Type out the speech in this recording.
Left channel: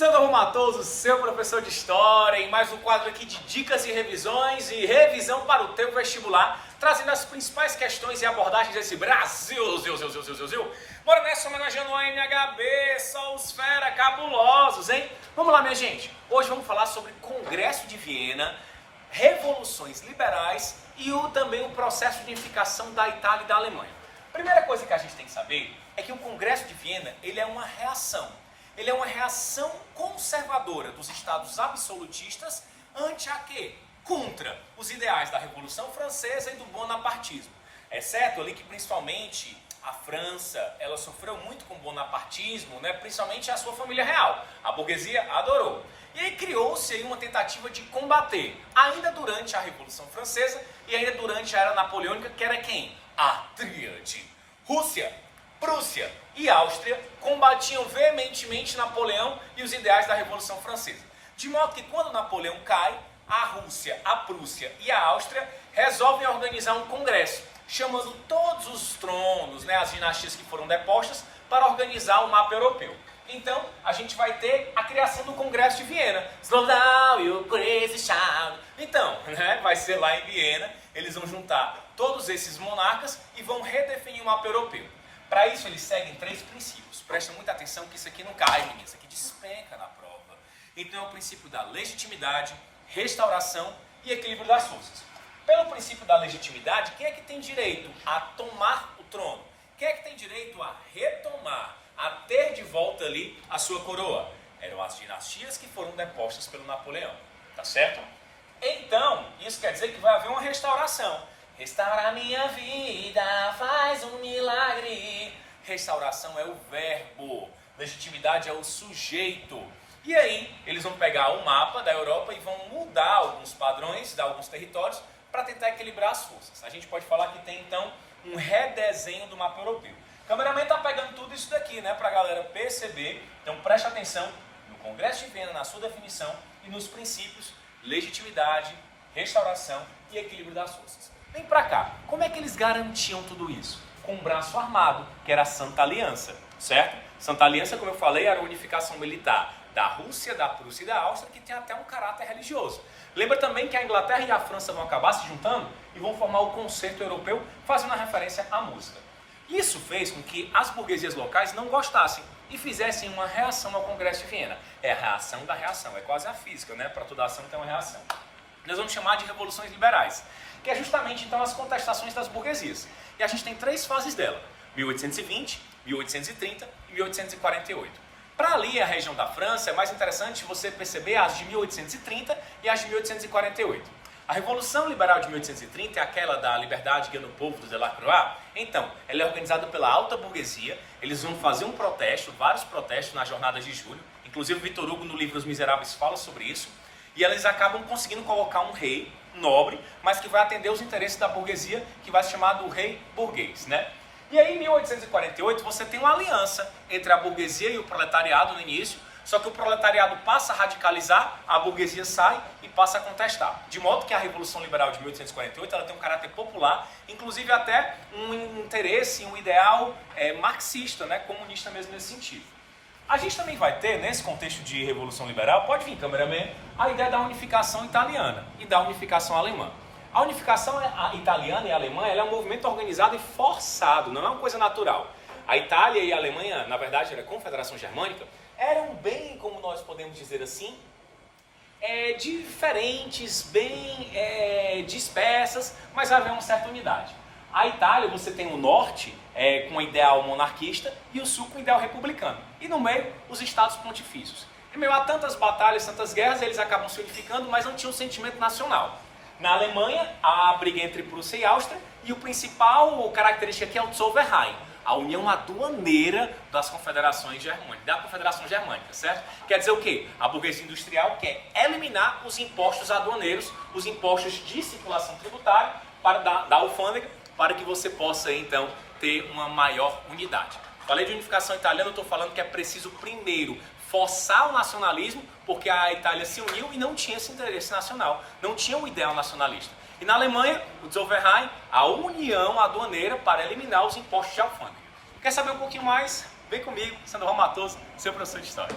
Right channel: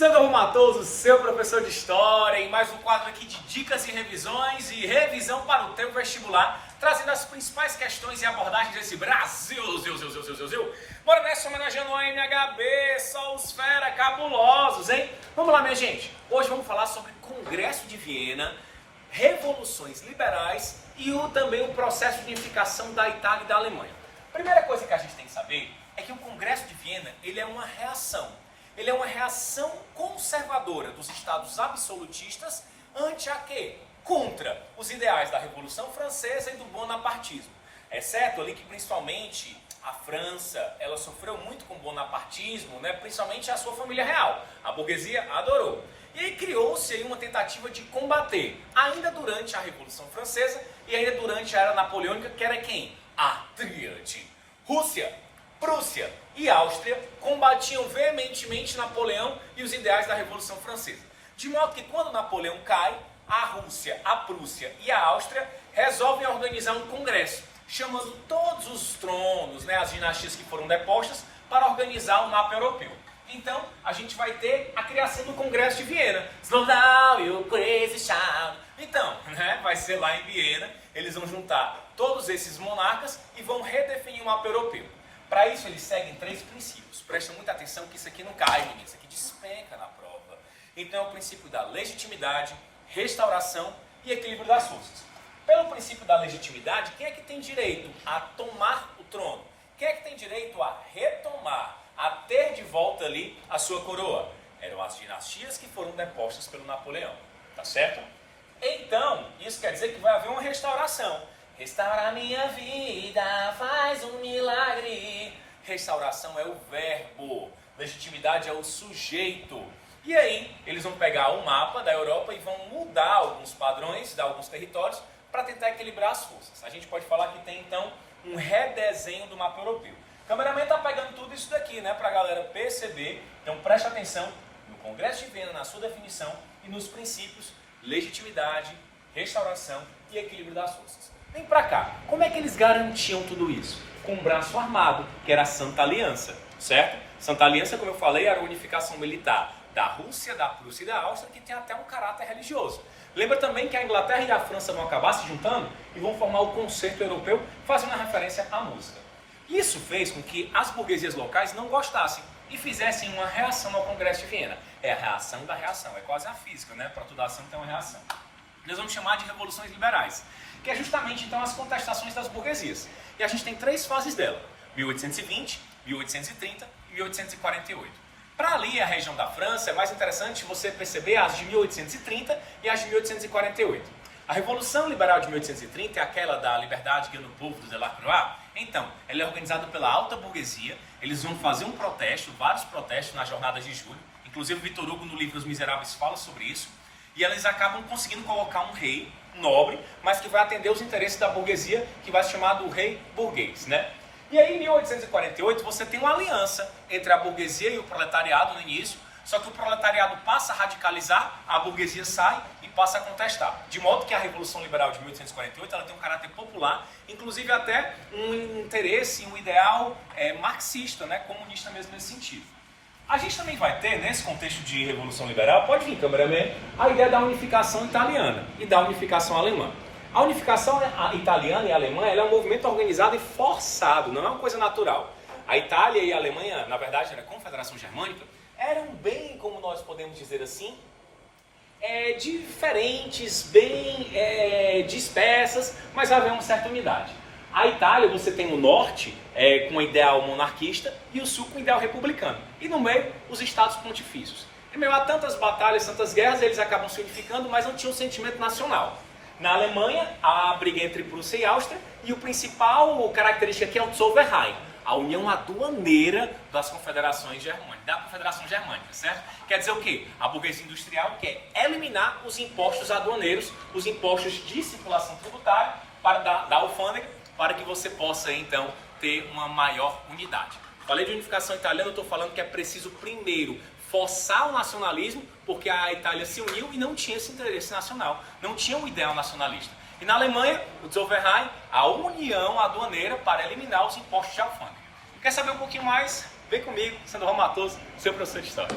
Sandro Matoso, seu professor de História, em mais um quadro aqui de dicas e revisões e revisão para o teu vestibular, trazendo as principais questões e abordagens desse Brasil. Bora nessa, homenageando o NHB, só os fera cabulosos, hein? Vamos lá, minha gente. Hoje vamos falar sobre Congresso de Viena, revoluções liberais e também o processo de unificação da Itália e da Alemanha. Primeira coisa que a gente tem que saber é que o Congresso de Viena, ele é uma reação. Ele é uma reação conservadora dos estados absolutistas ante a quê? Contra os ideais da Revolução Francesa e do bonapartismo. É certo ali que principalmente a França, ela sofreu muito com o bonapartismo, né? Principalmente a sua família real. A burguesia adorou. E aí criou-se aí uma tentativa de combater, ainda durante a Revolução Francesa e ainda durante a Era Napoleônica, que era quem? A tríade. Rússia, Prússia e Áustria combatiam veementemente Napoleão e os ideais da Revolução Francesa. De modo que quando Napoleão cai, a Rússia, a Prússia e a Áustria resolvem organizar um congresso, chamando todos os tronos, né, as dinastias que foram depostas, para organizar o mapa europeu. Então, a gente vai ter a criação do Congresso de Viena. Slow down, you crazy child. Então, né, vai ser lá em Viena, eles vão juntar todos esses monarcas e vão redefinir o mapa europeu. Para isso, eles seguem 3 princípios. Presta muita atenção que isso aqui não cai, menino. Isso aqui despenca na prova. Então, é o princípio da legitimidade, restauração e equilíbrio das forças. Pelo princípio da legitimidade, quem é que tem direito a tomar o trono? Quem é que tem direito a retomar, a ter de volta ali a sua coroa? Eram as dinastias que foram depostas pelo Napoleão. Tá certo? Então, isso quer dizer que vai haver uma restauração. Restaurar a minha vida, faz um milagre. Restauração é o verbo, legitimidade é o sujeito. E aí, eles vão pegar o mapa da Europa e vão mudar alguns padrões de alguns territórios para tentar equilibrar as forças. A gente pode falar que tem, então, um redesenho do mapa europeu. O cameraman está pegando tudo isso daqui, né, para a galera perceber. Então, preste atenção no Congresso de Viena, na sua definição e nos princípios legitimidade, restauração e equilíbrio das forças. Vem pra cá. Como é que eles garantiam tudo isso? Com um braço armado, que era a Santa Aliança, certo? Santa Aliança, como eu falei, era a unificação militar da Rússia, da Prússia e da Áustria, que tem até um caráter religioso. Lembra também que a Inglaterra e a França vão acabar se juntando e vão formar o Concerto Europeu, fazendo uma referência à música. Isso fez com que as burguesias locais não gostassem e fizessem uma reação ao Congresso de Viena. É a reação da reação, é quase a física, né? Para toda ação tem uma reação. Nós vamos chamar de revoluções liberais, que é justamente então as contestações das burguesias. E a gente tem 3 fases dela: 1820, 1830 e 1848. Para ali a região da França é mais interessante você perceber as de 1830 e as de 1848. A Revolução Liberal de 1830 é aquela da liberdade guia no povo do Delacroix. Então, ela é organizada pela alta burguesia. Eles vão fazer um protesto, vários protestos nas jornadas de julho. Inclusive Vitor Hugo no livro Os Miseráveis fala sobre isso. E eles acabam conseguindo colocar um rei nobre, mas que vai atender os interesses da burguesia, que vai se chamar do rei burguês, né? E aí, em 1848, você tem uma aliança entre a burguesia e o proletariado no início, só que o proletariado passa a radicalizar, a burguesia sai e passa a contestar. De modo que a Revolução Liberal de 1848 ela tem um caráter popular, inclusive até um interesse, um ideal marxista, né? Comunista mesmo nesse sentido. A gente também vai ter, nesse contexto de Revolução Liberal, pode vir, cameraman, a ideia da unificação italiana e da unificação alemã. A unificação italiana e alemã ela é um movimento organizado e forçado, não é uma coisa natural. A Itália e a Alemanha, na verdade, a Confederação Germânica, eram bem, como nós podemos dizer assim, diferentes, bem dispersas, mas havia uma certa unidade. A Itália, você tem o norte com o ideal monarquista e o sul com o ideal republicano. E no meio, os estados pontifícios. Em meio a tantas batalhas, tantas guerras, eles acabam se unificando, mas não tinham um sentimento nacional. Na Alemanha, a briga entre Prússia e Áustria, e o principal característica aqui é o Zollverein, a união aduaneira das confederações germânicas, da Confederação Germânica, certo? Quer dizer o quê? A burguesia industrial quer eliminar os impostos aduaneiros, os impostos de circulação tributária da alfândega, para que você possa, então, ter uma maior unidade. Falei de unificação italiana, eu estou falando que é preciso primeiro forçar o nacionalismo, porque a Itália se uniu e não tinha esse interesse nacional, não tinha um ideal nacionalista. E na Alemanha, o Zollverein, a união aduaneira para eliminar os impostos de alfândega. Quer saber um pouquinho mais? Vem comigo, Sandro Matoso, seu professor de História.